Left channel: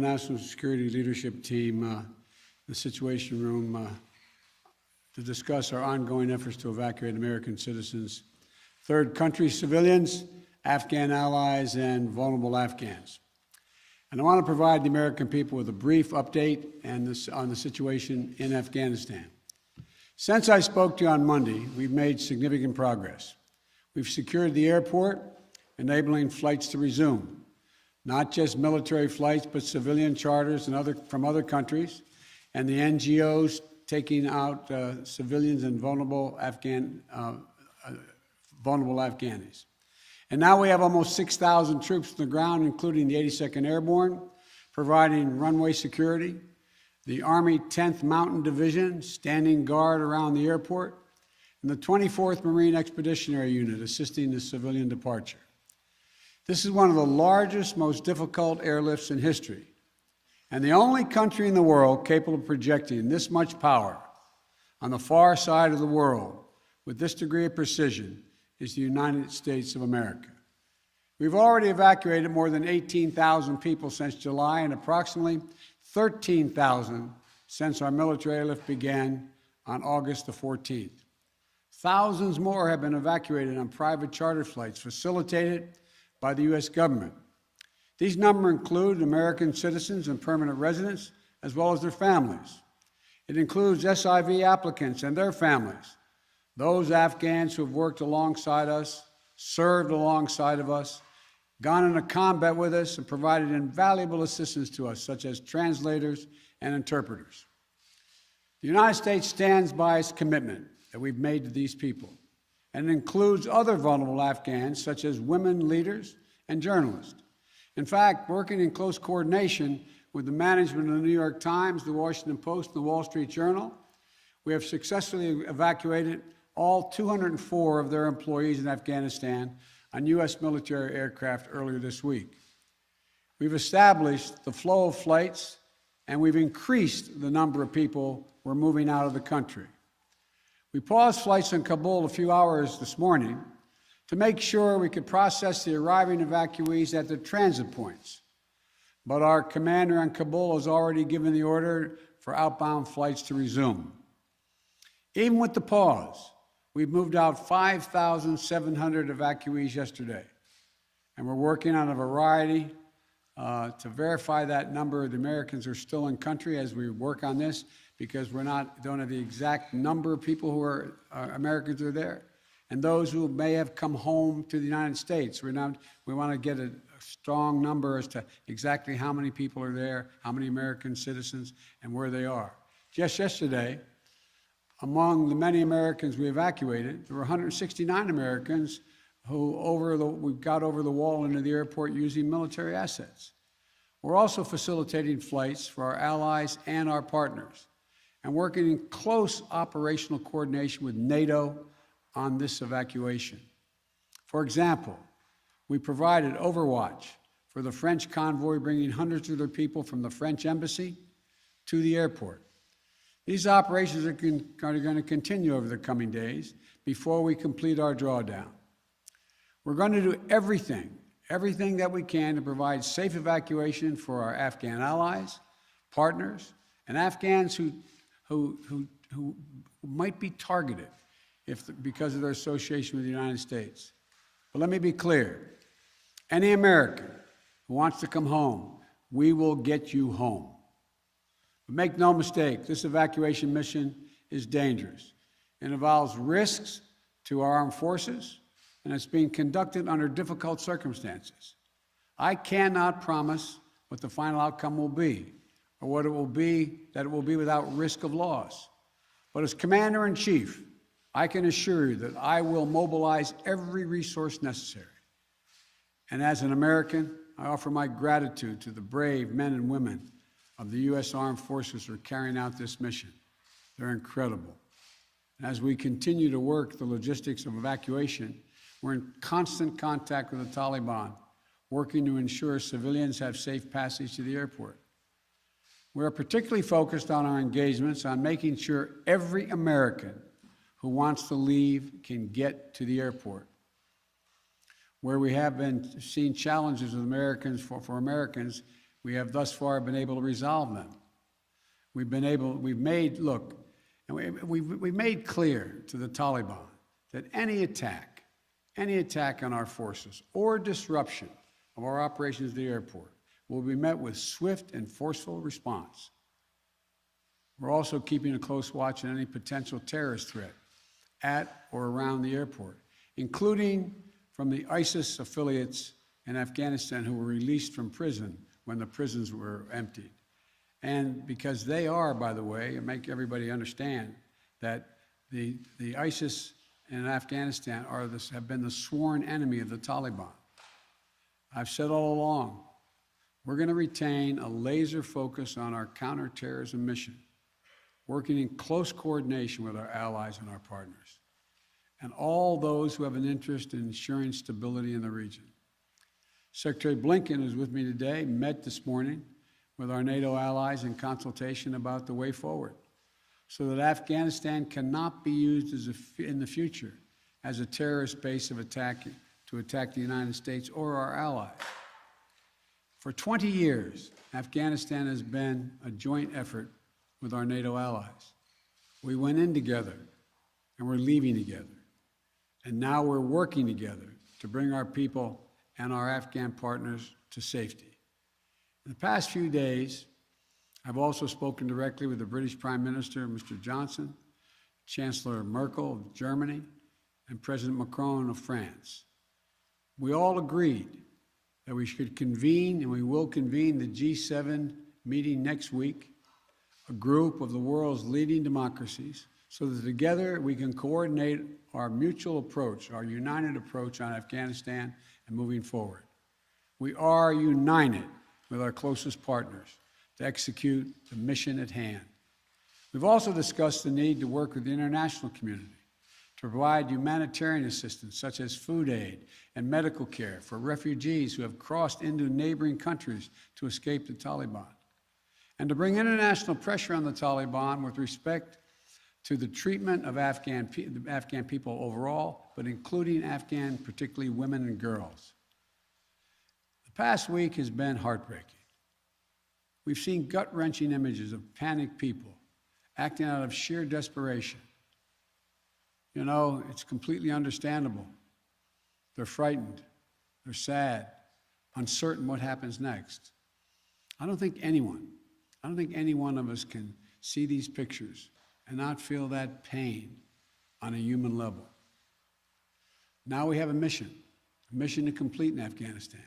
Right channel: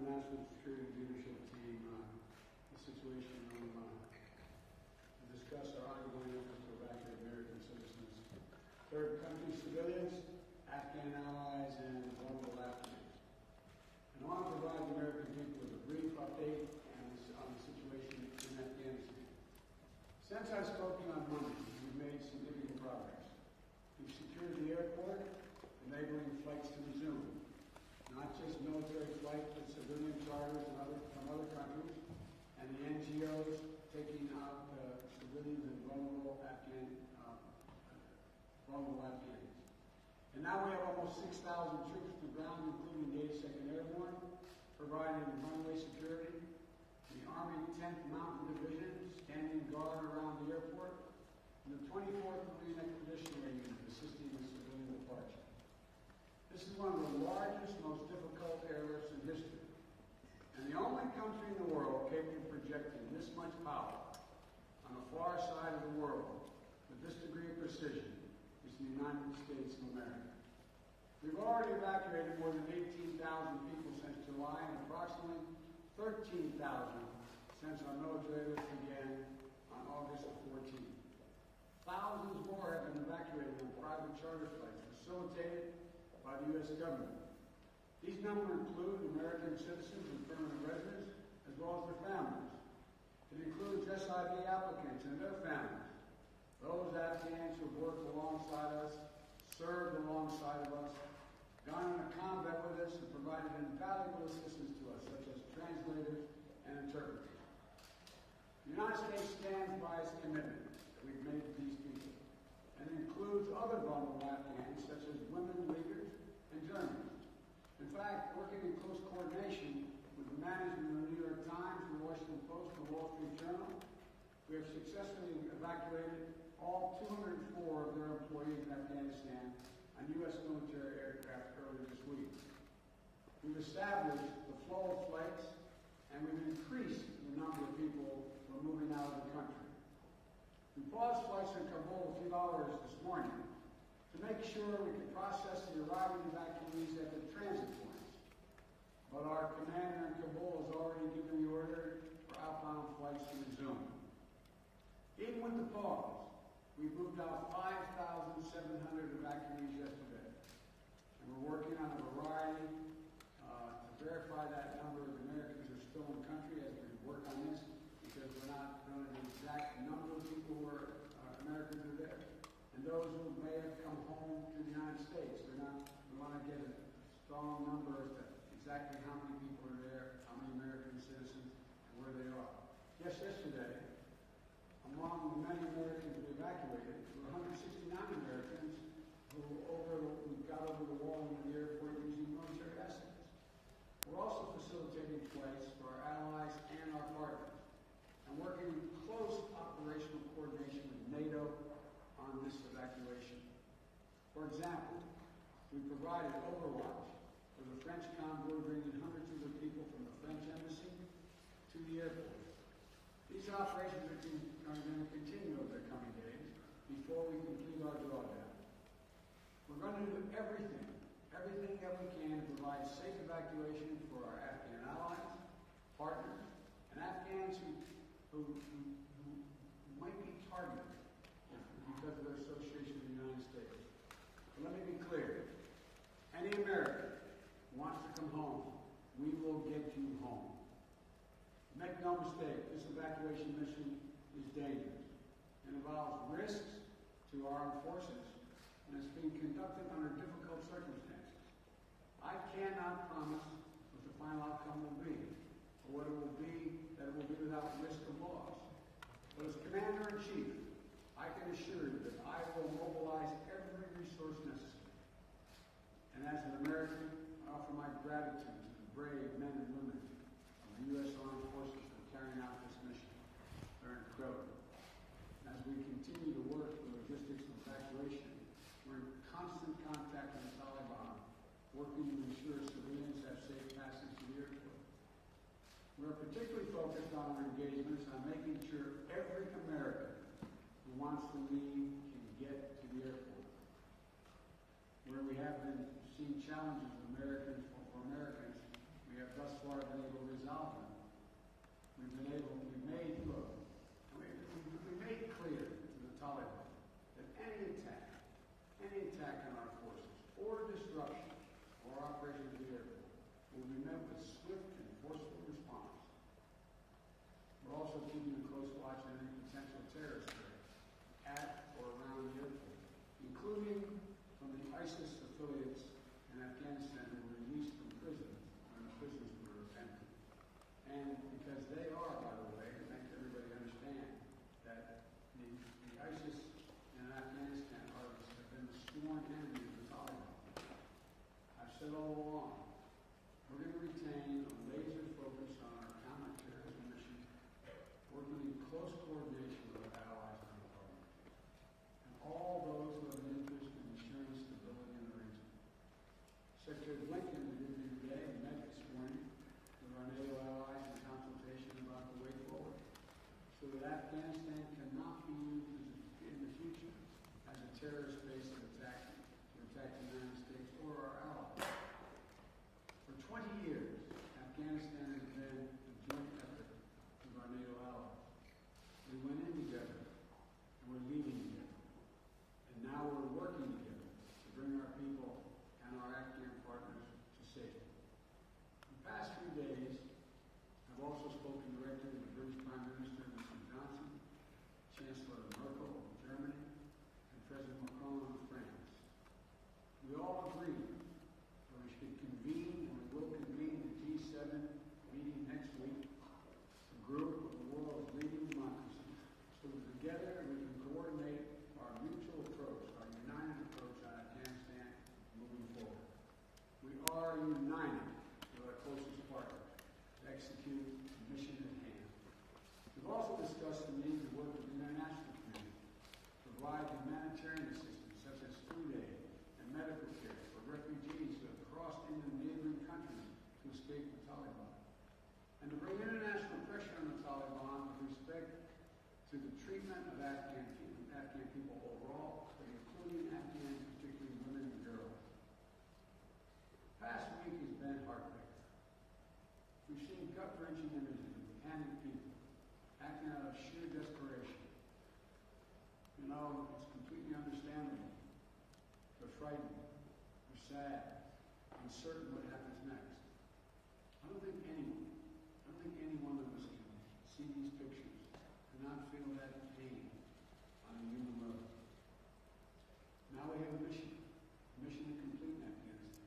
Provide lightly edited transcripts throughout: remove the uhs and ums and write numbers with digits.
National Security Leadership Team, the Situation Room, to discuss our ongoing efforts to evacuate American citizens, third country civilians, Afghan allies, and vulnerable Afghans. And I want to provide the American people with a brief update on the situation in Afghanistan. Since I spoke to you on Monday, we've made significant progress. We've secured the airport, enabling flights to resume, not just military flights, but civilian charters from other countries, and the NGOs taking out civilians and vulnerable Afghanis. And now we have almost 6,000 troops on the ground, including the 82nd Airborne, providing runway security, the Army 10th Mountain Division standing guard around the airport, and the 24th Marine Expeditionary Unit assisting the civilian departure. This is one of the largest, most difficult airlifts in history, and the only country in the world capable of projecting this much power on the far side of the world with this degree of precision is the United States of America. We've already evacuated more than 18,000 people since July and approximately 13,000 since our military airlift began on August the 14th. Thousands more have been evacuated on private charter flights facilitated by the U.S. government. These numbers include American citizens and permanent residents, as well as their families. It includes SIV applicants and their families, those Afghans who have worked alongside us, served alongside of us, gone into combat with us, and provided invaluable assistance to us, such as translators and interpreters. The United States stands by its commitment that we've made to these people, and it includes other vulnerable Afghans, such as women leaders and journalists. In fact, working in close coordination with the management of the New York Times, the Washington Post, and the Wall Street Journal, we have successfully evacuated all 204 of their employees in Afghanistan on U.S. military aircraft earlier this week. We've established the flow of flights, and we've increased the number of people we're moving out of the country. We paused flights in Kabul a few hours this morning to make sure we could process the arriving evacuees at the transit points. But our commander in Kabul has already given the order for outbound flights to resume. Even with the pause, we've moved out 5,700 evacuees yesterday, and we're working on a variety to verify that number of the Americans who are still in country as we work on this, because don't have the exact number of people who are Americans who are there, and those who may have come home to the United States. We want to get a strong number as to exactly how many people are there, how many American citizens, and where they are. Just yesterday, among the many Americans we evacuated, there were 169 Americans who we got over the wall into the airport using military assets. We're also facilitating flights for our allies and our partners, and working in close operational coordination with NATO on this evacuation. For example, we provided overwatch for the French convoy bringing hundreds of their people from the French embassy to the airport. These operations are going to continue over the coming days before we complete our drawdown. We're going to do everything that we can to provide safe evacuation for our Afghan allies, partners, and Afghans who might be targeted because of their association with the United States. But let me be clear. Any American who wants to come home, we will get you home. But make no mistake, this evacuation mission is dangerous. It involves risks to our armed forces, and it's being conducted under difficult circumstances. I cannot promise what the final outcome will be, or what it will be, that it will be without risk of loss. But as Commander-in-Chief, I can assure you that I will mobilize every resource necessary. And as an American, I offer my gratitude to the brave men and women of the U.S. Armed Forces who are carrying out this mission. They're incredible. And as we continue to work the logistics of evacuation, we're in constant contact with the Taliban, working to ensure civilians have safe passage to the airport. We are particularly focused on our engagements on making sure every American who wants to leave can get to the airport. Where we have been seeing challenges with Americans for Americans, we have thus far been able to resolve them. We've made clear to the Taliban that any attack on our forces or disruption of our operations at the airport will be met with swift and forceful response. We're also keeping a close watch on any potential terrorist threat at or around the airport, including from the ISIS affiliates in Afghanistan who were released from prison when the prisons were emptied. And because they are, by the way, and make everybody understand that the ISIS in Afghanistan have been the sworn enemy of the Taliban. I've said all along, we're going to retain a laser focus on our counterterrorism mission, working in close coordination with our allies and our partners, and all those who have an interest in ensuring stability in the region. Secretary Blinken, who's with me today, met this morning with our NATO allies in consultation about the way forward, so that Afghanistan cannot be used in the future as a terrorist base to attack the United States or our allies. For 20 years, Afghanistan has been a joint effort with our NATO allies. We went in together, and we're leaving together. And now we're working together to bring our people and our Afghan partners to safety. In the past few days, I've also spoken directly with the British Prime Minister, Mr. Johnson, Chancellor Merkel of Germany, and President Macron of France. We all agreed that we should convene, and we will convene, the G7 meeting next week, a group of the world's leading democracies, so that together we can coordinate our mutual approach, our united approach on Afghanistan and moving forward. We are united with our closest partners to execute the mission at hand. We've also discussed the need to work with the international community to provide humanitarian assistance, such as food aid and medical care for refugees who have crossed into neighboring countries to escape the Taliban, and to bring international pressure on the Taliban with respect to the treatment of Afghan people overall, but including Afghan, particularly women and girls. The past week has been heartbreaking. We've seen gut-wrenching images of panicked people acting out of sheer desperation. You know, it's completely understandable. They're frightened, they're sad, uncertain what happens next. I don't think any one of us can see these pictures and not feel that pain on a human level. Now we have a mission to complete in Afghanistan.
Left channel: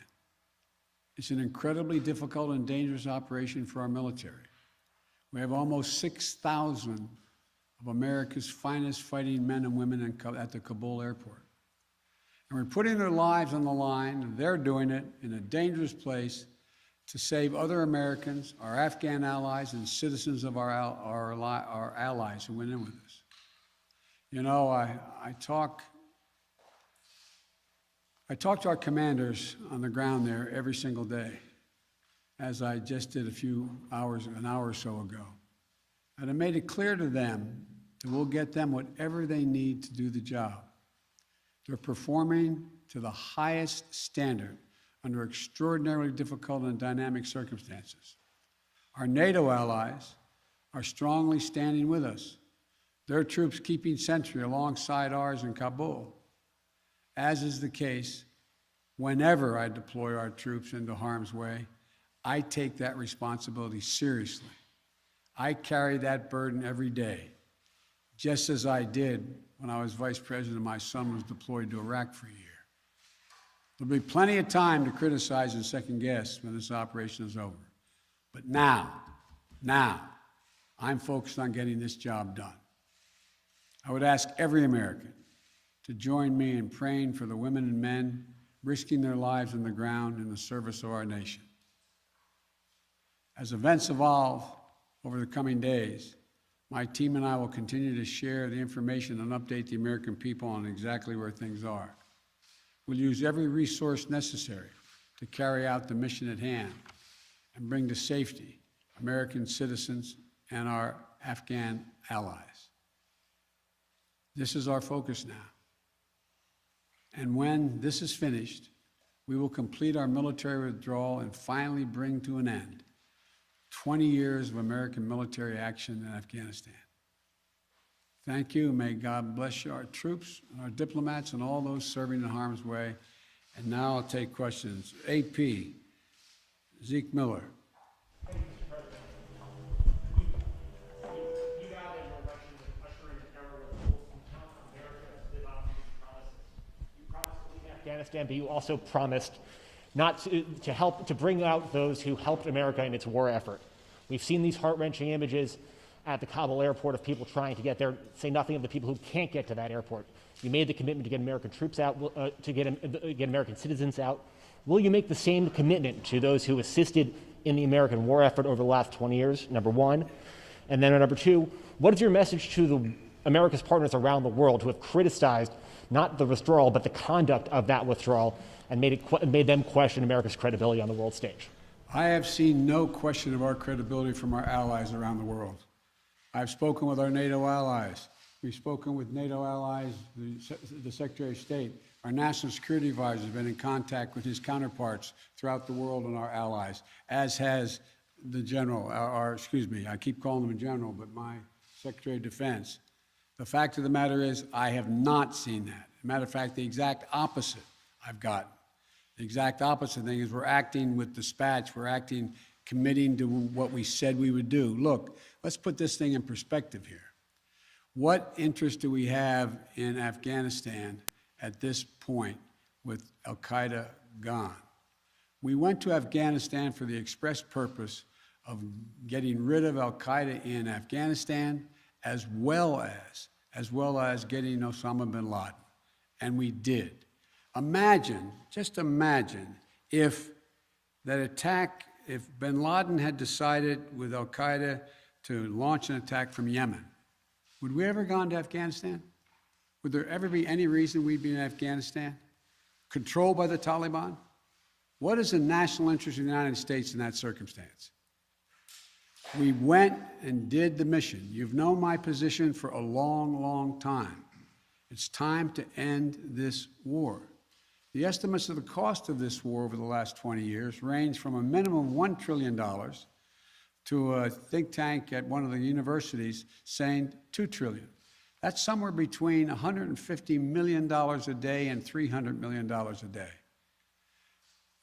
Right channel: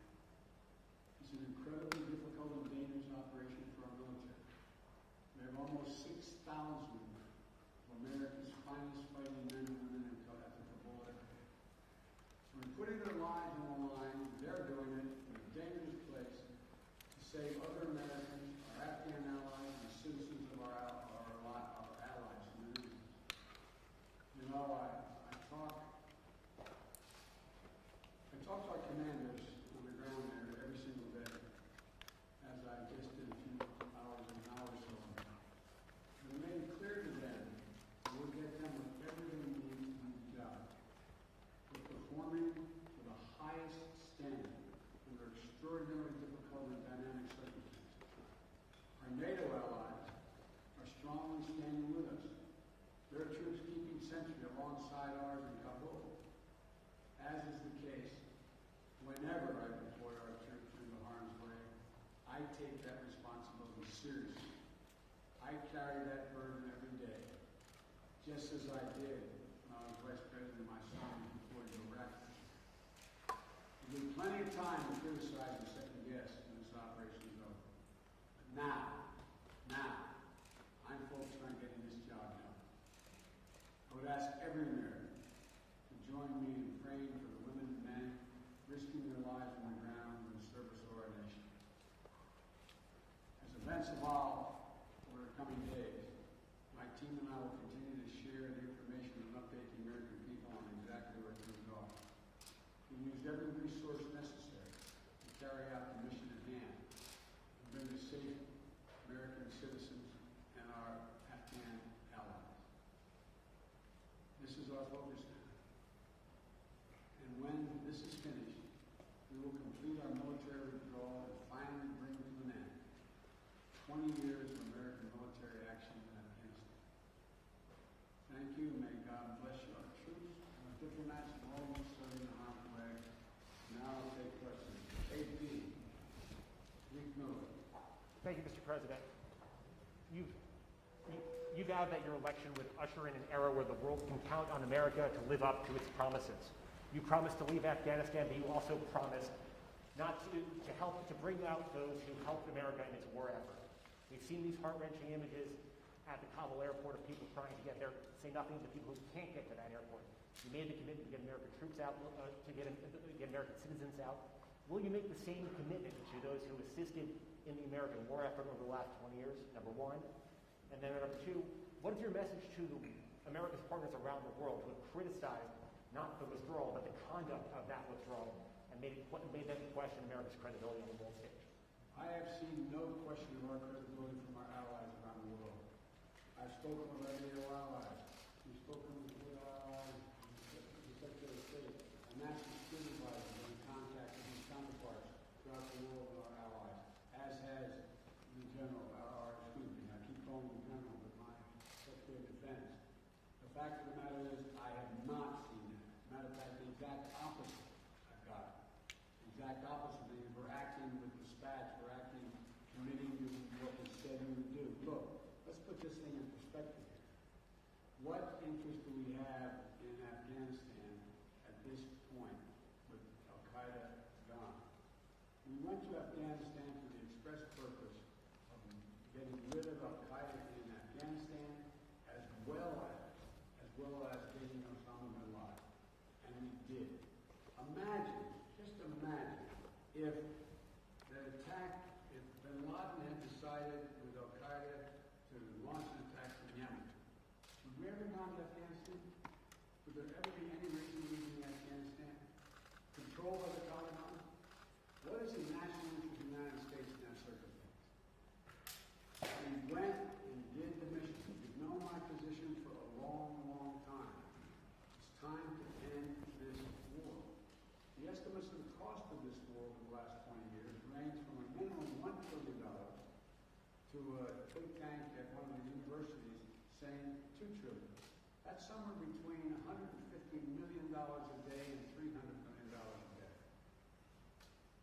It's an incredibly difficult and dangerous operation for our military. We have almost 6,000 of America's finest fighting men and women at the Kabul airport. And we're putting their lives on the line, and they're doing it in a dangerous place to save other Americans, our Afghan allies, and citizens of our allies who went in with us. You know, I talk to our commanders on the ground there every single day, as I just did an hour or so ago. And I made it clear to them that we'll get them whatever they need to do the job. They're performing to the highest standard under extraordinarily difficult and dynamic circumstances. Our NATO allies are strongly standing with us, their troops keeping sentry alongside ours in Kabul, as is the case whenever I deploy our troops into harm's way. I take that responsibility seriously. I carry that burden every day, just as I did when I was vice president and my son was deployed to Iraq for a year. There'll be plenty of time to criticize and second guess when this operation is over. But now, I'm focused on getting this job done. I would ask every American to join me in praying for the women and men risking their lives on the ground in the service of our nation. As events evolve over the coming days, my team and I will continue to share the information and update the American people on exactly where things are. We'll use every resource necessary to carry out the mission at hand and bring to safety American citizens and our Afghan allies. This is our focus now. And when this is finished, we will complete our military withdrawal and finally bring to an end 20 years of American military action in Afghanistan. Thank you. May God bless you, our troops, our diplomats, and all those serving in harm's way. And now I'll take questions. AP, Zeke Miller. Thank you, Mr. President. You vowed that your election would usher in an era where the world can count on America to live up to its promises. You promised to leave Afghanistan, but you also promised not to bring out those who helped America in its war effort. We've seen these heart-wrenching images at the Kabul airport of people trying to get there, say nothing of the people who can't get to that airport. You made the commitment to get American troops out, to get American citizens out. Will you make the same commitment to those who assisted in the American war effort over the last 20 years, number one? And then number two, what is your message to America's partners around the world who have criticized not the withdrawal, but the conduct of that withdrawal and made them question America's credibility on the world stage? I have seen no question of our credibility from our allies around the world. I've spoken with our NATO allies. We've spoken with NATO allies, the Secretary of State. Our National Security Advisor has been in contact with his counterparts throughout the world and our allies, as has the General, I keep calling him a General, but my Secretary of Defense. The fact of the matter is, I have not seen that. Matter of fact, the exact opposite I've gotten. The exact opposite thing is we're acting with dispatch, we're acting committing to what we said we would do. Look, let's put this thing in perspective here. What interest do we have in Afghanistan at this point with al-Qaeda gone? We went to Afghanistan for the express purpose of getting rid of al-Qaeda in Afghanistan, as well as getting Osama bin Laden. And we did. Imagine, just imagine, if bin Laden had decided with al-Qaeda to launch an attack from Yemen, would we ever gone to Afghanistan? Would there ever be any reason we'd be in Afghanistan? Controlled by the Taliban? What is the national interest of the United States in that circumstance? We went and did the mission. You've known my position for a long, long time. It's time to end this war. The estimates of the cost of this war over the last 20 years range from a minimum of $1 trillion to a think tank at one of the universities saying $2 trillion. That's somewhere between $150 million a day and $300 million a day.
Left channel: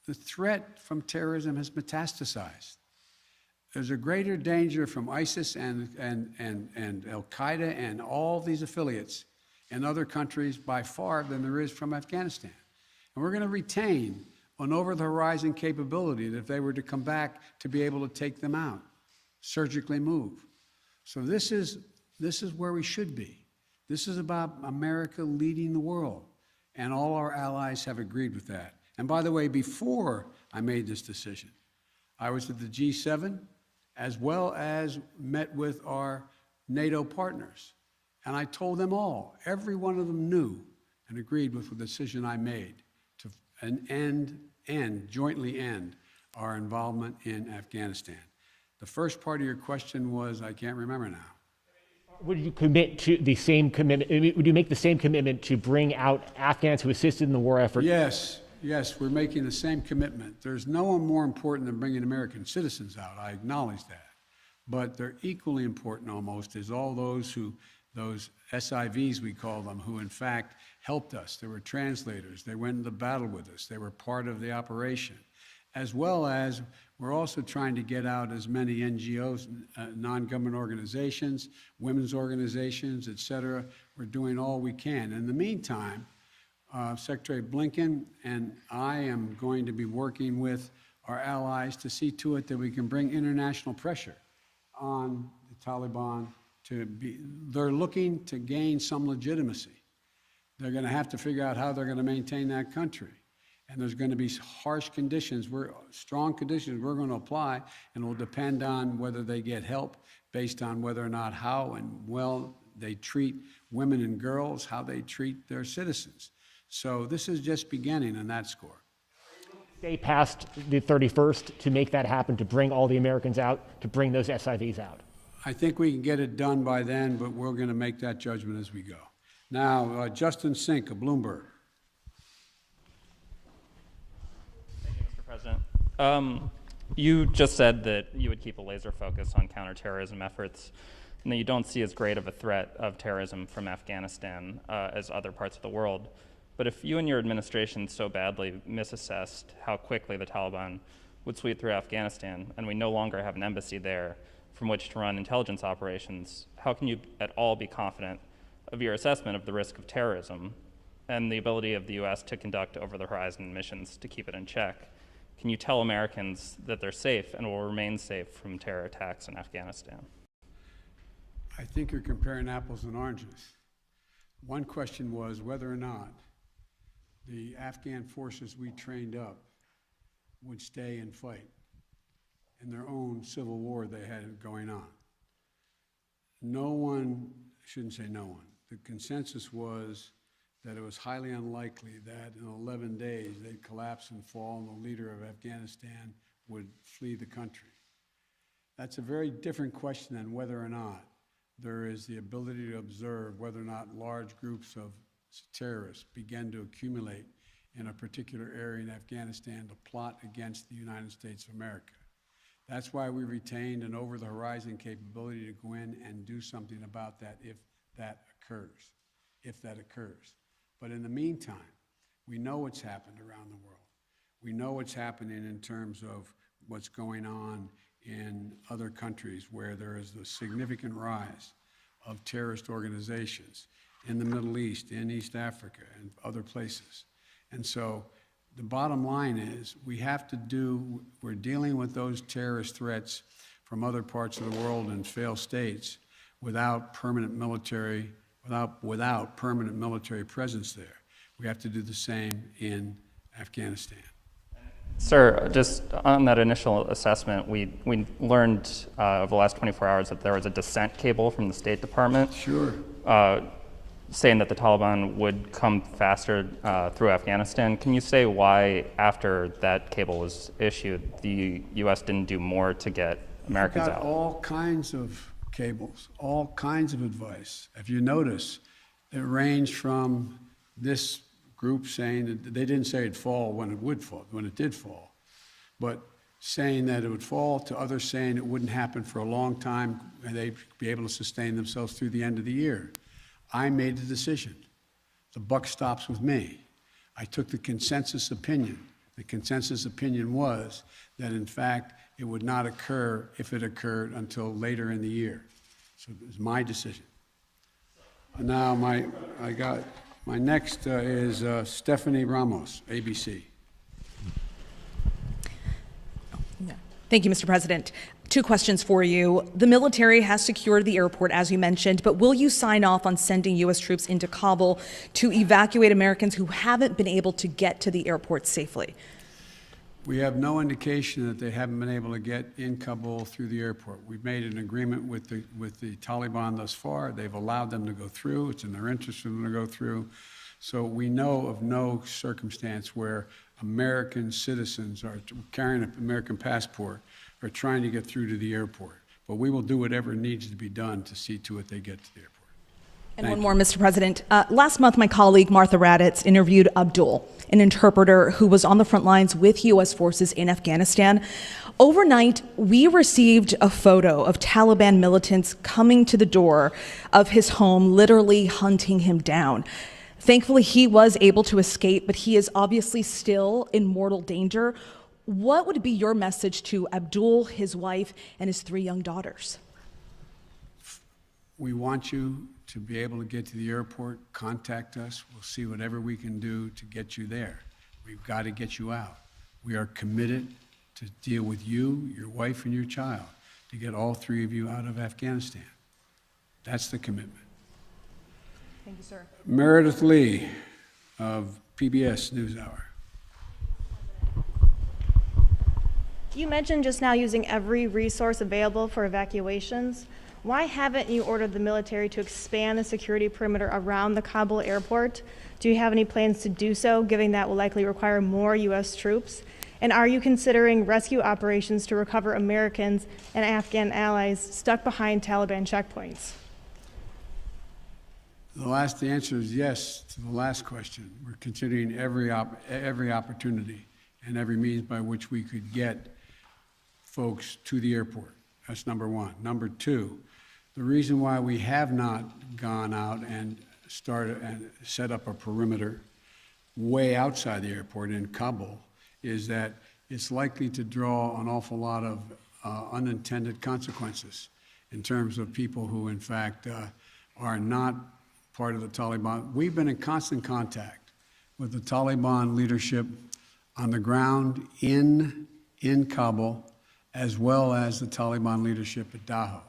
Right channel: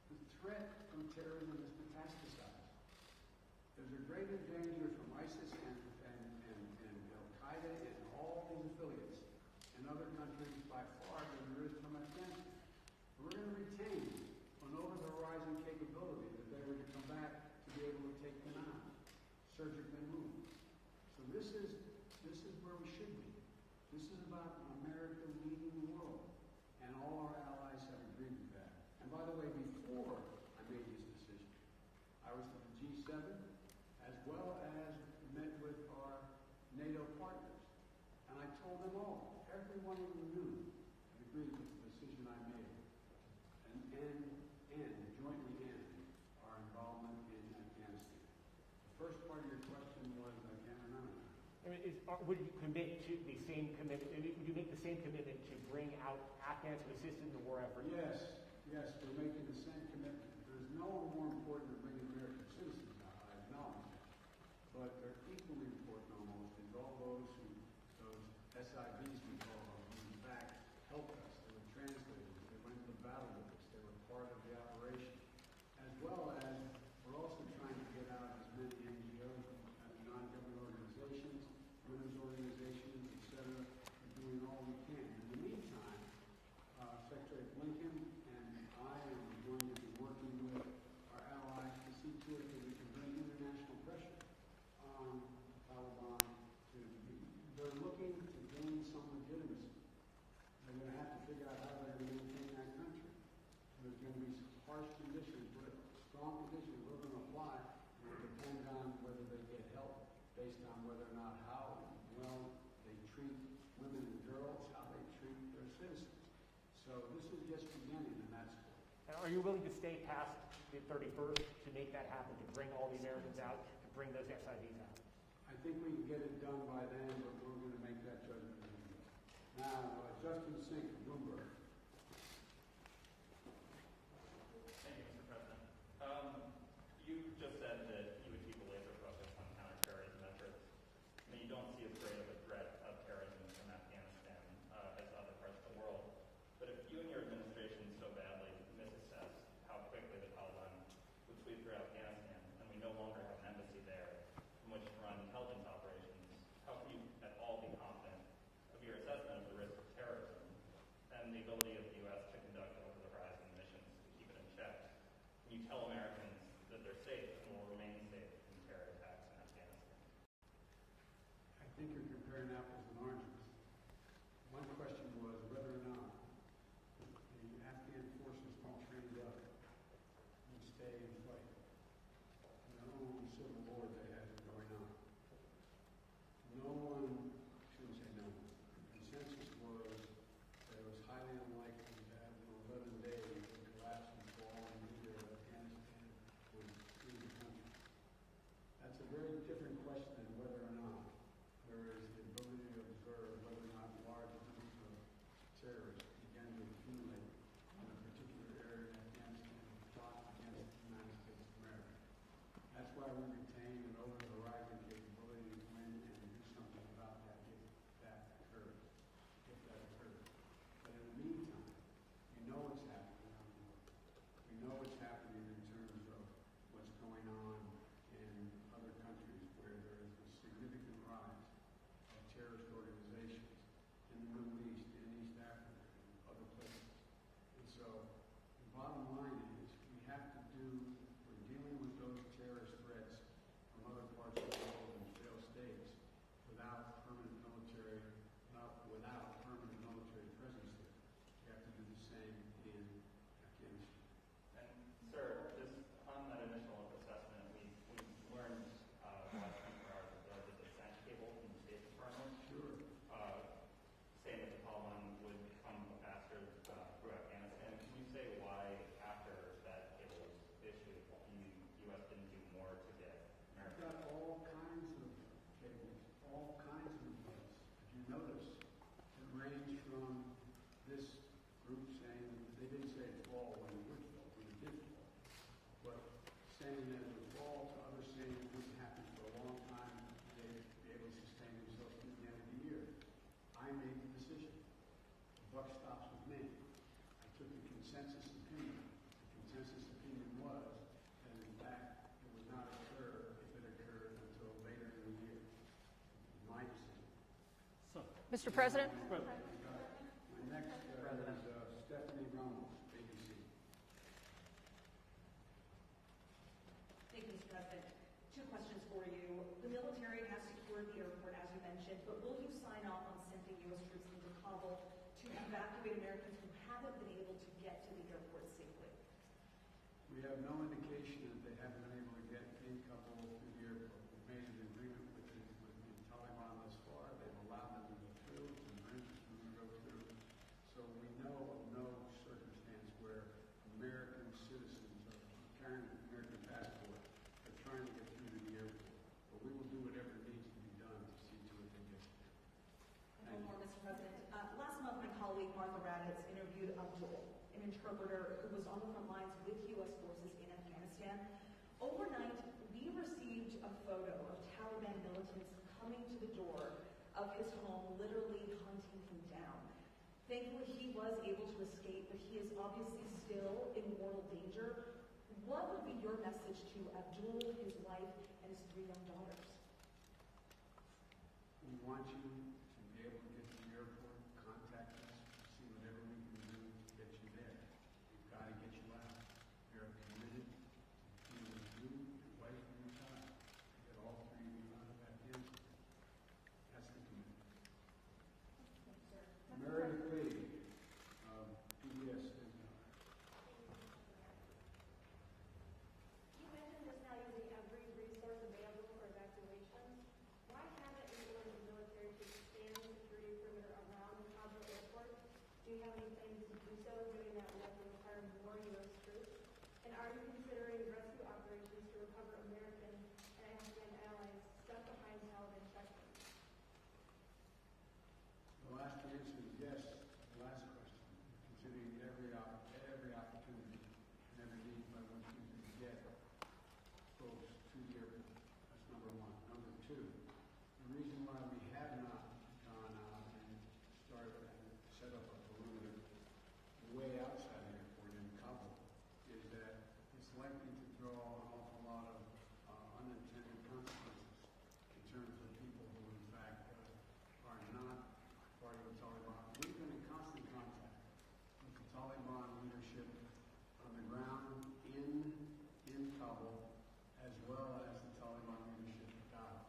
The threat from terrorism has metastasized. There's a greater danger from ISIS and al-Qaeda and all these affiliates in other countries by far than there is from Afghanistan. And we're going to retain an over-the-horizon capability that if they were to come back to be able to take them out, surgically move. So this is where we should be. This is about America leading the world, and all our allies have agreed with that. And by the way, before I made this decision, I was at the G7 as well as met with our NATO partners. And I told them all, every one of them knew and agreed with the decision I made to jointly end our involvement in Afghanistan. The first part of your question was, I can't remember now. Would you commit to the same commitment? Would you make the same commitment to bring out Afghans who assisted in the war effort? Yes, we're making the same commitment. There's no one more important than bringing American citizens out. I acknowledge that. But they're equally important almost is all those SIVs we call them, who in fact helped us. They were translators. They went into battle with us. They were part of the operation. As well as we're also trying to get out as many NGOs, non-government organizations, women's organizations, et cetera. We're doing all we can. In the meantime, Secretary Blinken and I am going to be working with our allies to see to it that we can bring international pressure on the Taliban they're looking to gain some legitimacy. They're going to have to figure out how they're going to maintain that country. And there's going to be harsh conditions, strong conditions we're going to apply, and it will depend on whether they get help based on whether or not how and well they treat women and girls, how they treat their citizens. So this is just beginning on that score. Are you willing to stay past the 31st to make that happen, to bring all the Americans out, to bring those SIVs out? I think we can get it done by then, but we're going to make that judgment as we go. Now, Justin Sink of Bloomberg. You just said that you would keep a laser focus on counterterrorism efforts, and that you don't see as great of a threat of terrorism from Afghanistan as other parts of the world. But if you and your administration so badly misassessed how quickly the Taliban would sweep through Afghanistan, and we no longer have an embassy there from which to run intelligence operations, how can you at all be confident of your assessment of the risk of terrorism and the ability of the U.S. to conduct over-the-horizon missions to keep it in check? Can you tell Americans that they're safe and will remain safe from terror attacks in Afghanistan? I think you're comparing apples and oranges. One question was whether or not the Afghan forces we trained up would stay and fight in their own civil war they had going on. No one, I shouldn't say no one, the consensus was that it was highly unlikely that in 11 days they'd collapse and fall and the leader of Afghanistan would flee the country. That's a very different question than whether or not there is the ability to observe whether or not large groups of terrorists begin to accumulate in a particular area in Afghanistan to plot against the United States of America. That's why we retained an over-the-horizon capability to go in and do something about that if that occurs. But in the meantime, we know what's happened around the world. We know what's happening in terms of what's going on in other countries where there is a significant rise of terrorist organizations in the Middle East, in East Africa, and other places. And so the bottom line is we're dealing with those terrorist threats from other parts of the world and failed states without permanent military presence there. We have to do the same in Afghanistan. Sir, just on that initial assessment, we learned over the last 24 hours that there was a dissent cable from the State Department. Sure. Saying that the Taliban would come faster through Afghanistan. Can you say why, after that cable was issued, the U.S. didn't do more to get Americans out? All kinds of cables, all kinds of advice. If you notice, it ranged from this group saying that they didn't say it'd fall when it did fall, but saying that it would fall, to others saying it wouldn't happen for a long time and they'd be able to sustain themselves through the end of the year. I made the decision. The buck stops with me. I took the consensus opinion. The consensus opinion was that, in fact, it would not occur, if it occurred, until later in the year. So it was my decision. Now, my next is Stephanie Ramos, ABC. Thank you, Mr. President. 2 questions for you. The military has secured the airport, as you mentioned, but will you sign off on sending U.S. troops into Kabul to evacuate Americans who haven't been able to get to the airport safely? We have no indication that they haven't been able to get in Kabul through the airport. We've made an agreement with the Taliban thus far. They've allowed them to go through. It's in their interest for them to go through. So we know of no circumstance where American citizens are carrying an American passport are trying to get through to the airport. But we will do whatever needs to be done to see to it they get to the airport. And one more, Mr. President. Last month, my colleague Martha Raddatz interviewed Abdul, an interpreter who was on the front lines with U.S. forces in Afghanistan. Overnight, we received a photo of Taliban militants coming to the door of his home, literally hunting him down. Thankfully, he was able to escape, but he is obviously still in mortal danger. What would be your message to Abdul, his wife, and his 3 young daughters? We want you to be able to get to the airport. Contact us. We'll see whatever we can do to get you there. We've got to get you out. We are committed to deal with you, your wife, and your child to get all 3 of you out of Afghanistan. That's the commitment. Thank you, sir. Meredith Lee of PBS NewsHour. You mentioned just now using every resource available for evacuations. Why haven't you ordered the military to expand the security perimeter around the Kabul airport? Do you have any plans to do so, given that will likely require more U.S. troops? And are you considering rescue operations to recover Americans and Afghan allies stuck behind Taliban checkpoints? The answer is yes to the last question. We're considering every opportunity, and every means by which we could get folks to the airport. That's number one. Number two, the reason why we have not gone out and started and set up a perimeter way outside the airport in Kabul is that it's likely to draw an awful lot of unintended consequences in terms of people who, in fact, are not part of the Taliban. We've been in constant contact with the Taliban leadership on the ground in Kabul, as well as the Taliban leadership at Dahou.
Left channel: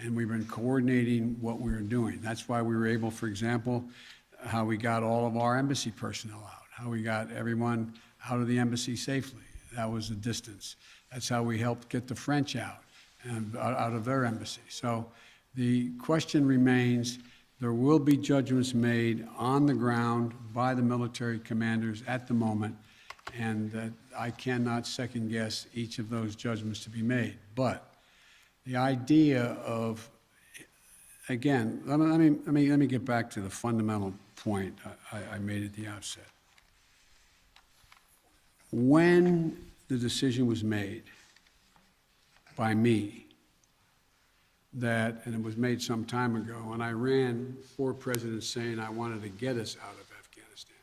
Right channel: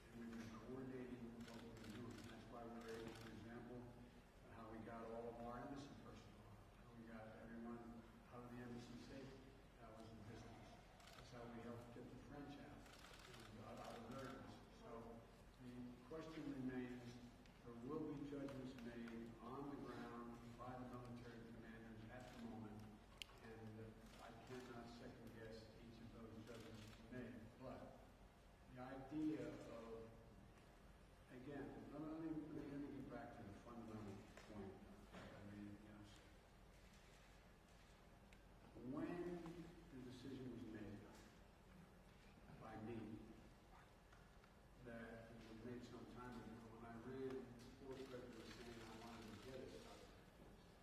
And we've been coordinating what we were doing. That's why we were able, for example, how we got all of our embassy personnel out, how we got everyone out of the embassy safely. That was the distance. That's how we helped get the French out and out of their embassy. So the question remains, there will be judgments made on the ground by the military commanders at the moment, and I cannot second guess each of those judgments to be made. But the idea of, again, let me get back to the fundamental point I made at the outset. When the decision was made by me that, and it was made some time ago, and I ran 4 presidents saying I wanted to get us out of Afghanistan.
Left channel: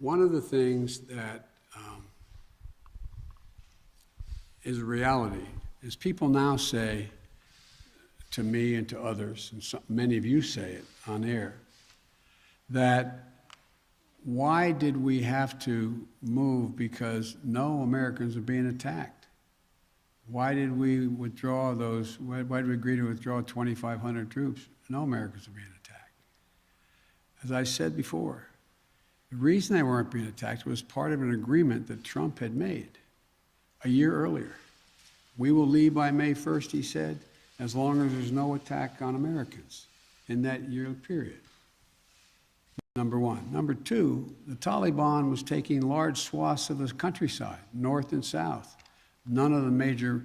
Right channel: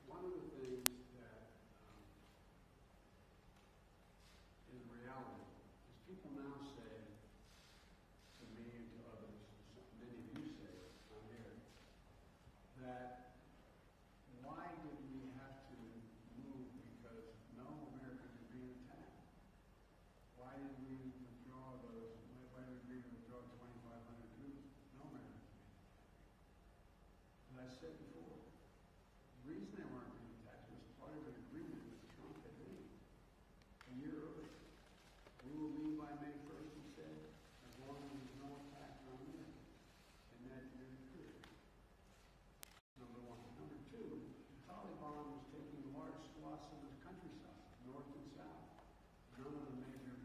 One of the things that is a reality is people now say to me and to others, and many of you say it on air, that why did we have to move because no Americans are being attacked? Why did we withdraw those, why did we agree to withdraw 2,500 troops? No Americans are being attacked. As I said before, the reason they weren't being attacked was part of an agreement that Trump had made a year earlier. We will leave by May 1st, he said, as long as there's no attack on Americans in that year period. Number one. Number two, the Taliban was taking large swaths of the countryside, north and south. None of the major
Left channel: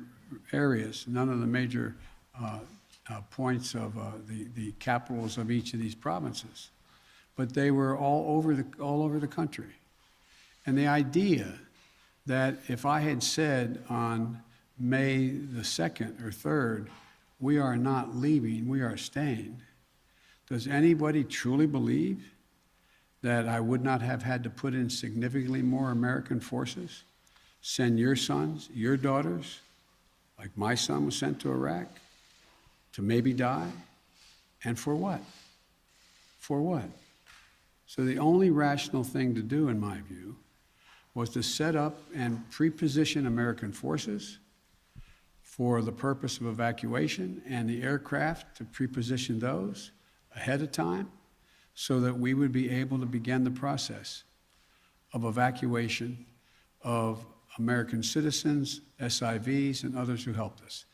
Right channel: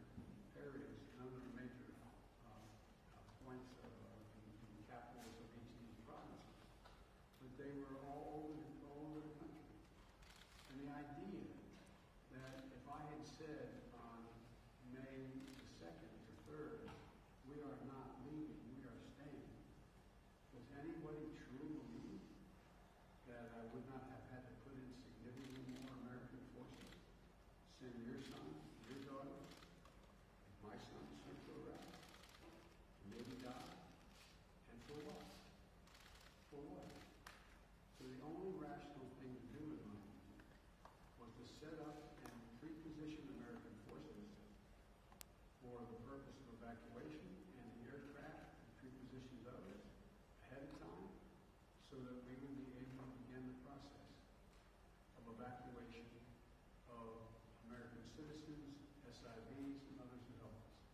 areas, none of the major points of the capitals of each of these provinces. But they were all over the country. And the idea that if I had said on May the 2nd or 3rd, we are not leaving, we are staying, does anybody truly believe that I would not have had to put in significantly more American forces, send your sons, your daughters, like my son was sent to Iraq, to maybe die? And for what? For what? So the only rational thing to do, in my view, was to set up and pre-position American forces for the purpose of evacuation, and the aircraft to pre-position those ahead of time so that we would be able to begin the process of evacuation of American citizens, SIVs, and others who helped us.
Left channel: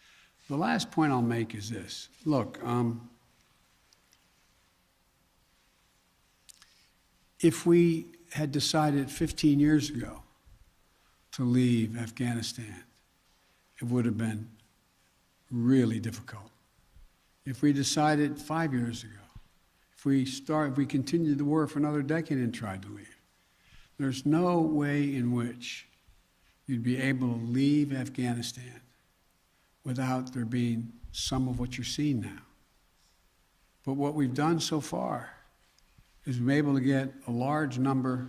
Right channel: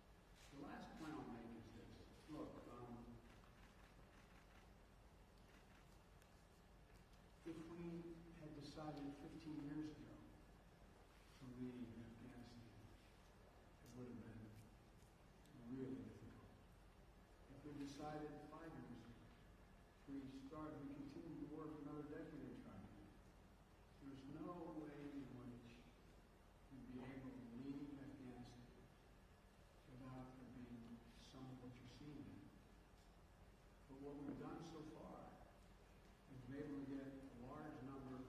The last point I'll make is this. Look, if we had decided 15 years ago to leave Afghanistan, it would have been really difficult. If we decided 5 years ago, if we continued the war for another decade and tried to leave, there's no way in which you'd be able to leave Afghanistan without there being some of what you're seeing now. But what we've done so far is we've been able to get a large number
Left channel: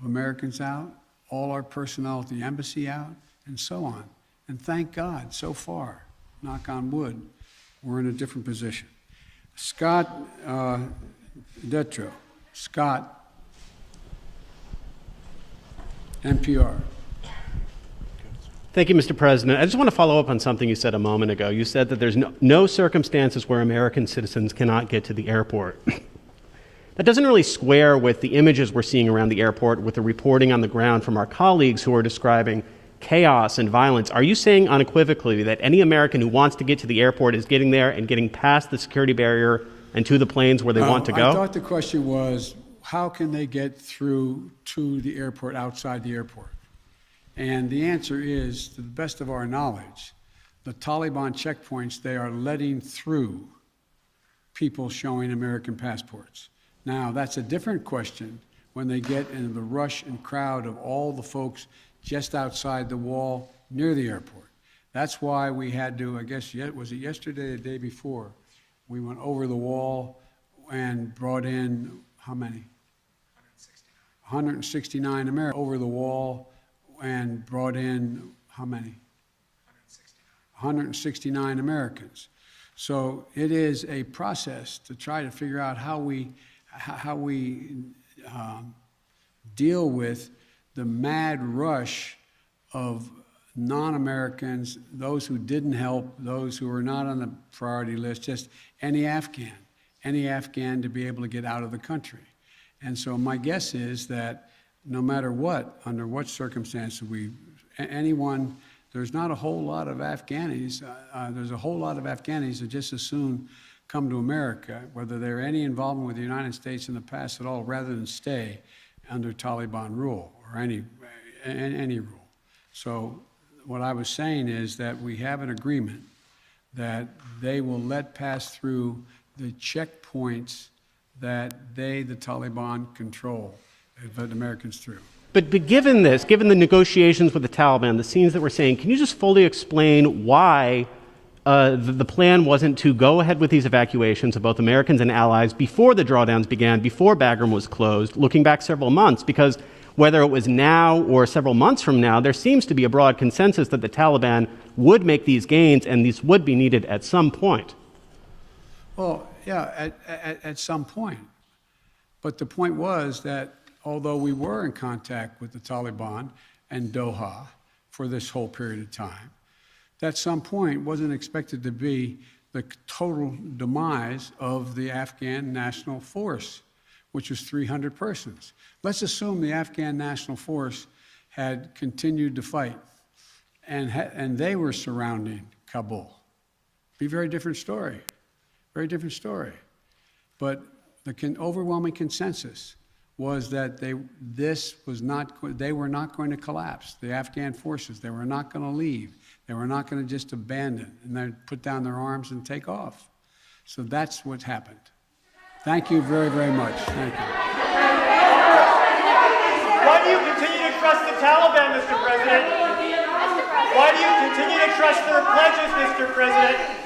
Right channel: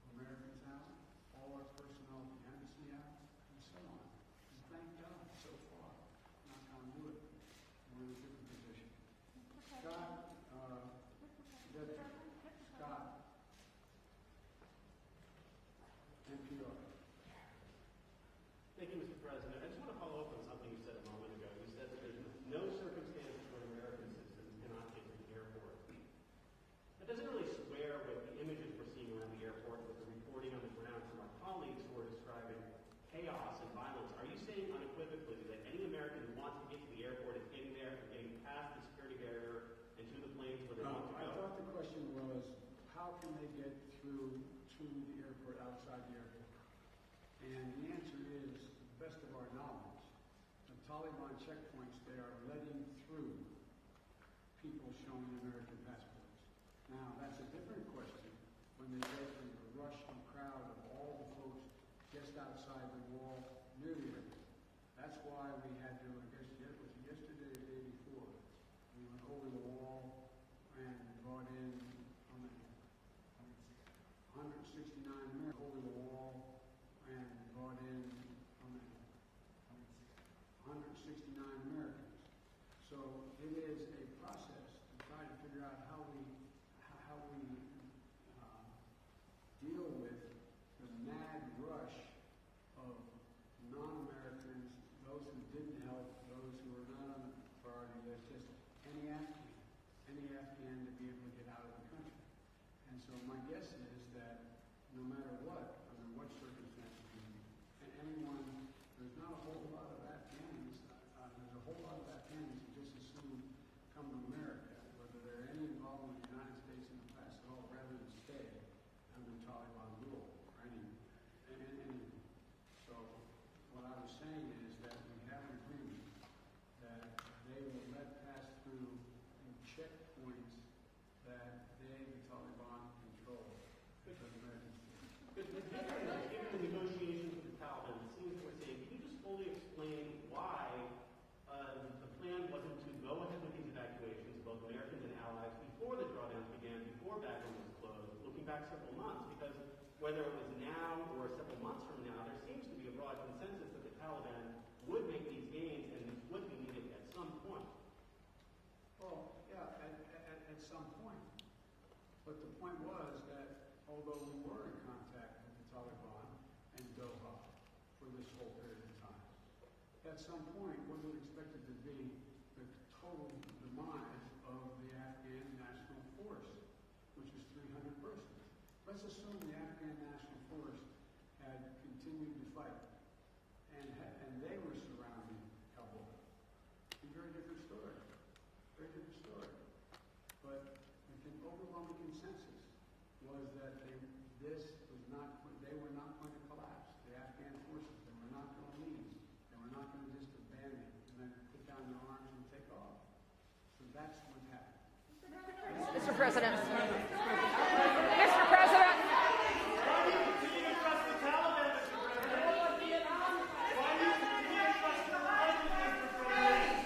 of Americans out, all our personnel at the embassy out, and so on. And thank God, so far, knock on wood, we're in a different position. Scott Detrow. Scott, NPR. Thank you, Mr. President. I just want to follow up on something you said a moment ago. You said that there's no circumstances where American citizens cannot get to the airport. That doesn't really square with the images we're seeing around the airport, with the reporting on the ground from our colleagues who are describing chaos and violence. Are you saying unequivocally that any American who wants to get to the airport is getting there and getting past the security barrier and to the planes where they want to go? I thought the question was, how can they get through to the airport outside the airport? And the answer is, to the best of our knowledge, the Taliban checkpoints, they are letting through people showing American passports. Now, that's a different question when they get into the rush and crowd of all the folks just outside the wall near the airport. That's why we had to, I guess, was it yesterday or the day before? We went over the wall and brought in, how many? 169 Americans. Over the wall and brought in, how many? 169 Americans. So it is a process to try to figure out how we deal with the mad rush of non-Americans, those who didn't help, those who were not on the priority list, just any Afghan to be able to get out of the country. And so my guess is that no matter what, under what circumstances there's not a whole lot of Afghanis, there's a whole lot of Afghanis that just as soon come to America, whether they're any involvement with the United States in the past at all, rather than stay under Taliban rule or any rule. So what I was saying is that we have an agreement that they will let pass through the checkpoints that the Taliban control, let Americans through. But given this, given the negotiations with the Taliban, the scenes that we're seeing, can you just fully explain why the plan wasn't to go ahead with these evacuations of both Americans and allies before the drawdowns began, before Bagram was closed, looking back several months? Because whether it was now or several months from now, there seems to be a broad consensus that the Taliban would make these gains and these would be needed at some point. Well, yeah, at some point. But the point was that although we were in contact with the Taliban and Doha for this whole period of time, at some point wasn't expected to be the total demise of the Afghan National Force, which was 300 persons. Let's assume the Afghan National Force had continued to fight and they were surrounding Kabul. Be a very different story, very different story. But the overwhelming consensus was that they were not going to collapse. The Afghan forces, they were not going to leave. They were not going to just abandon and then put down their arms and take off. So that's what happened. Thank you very, very much. Thank you. Why do you continue to trust the Taliban, Mr. President? Why do you continue to trust their pledges, Mr. President?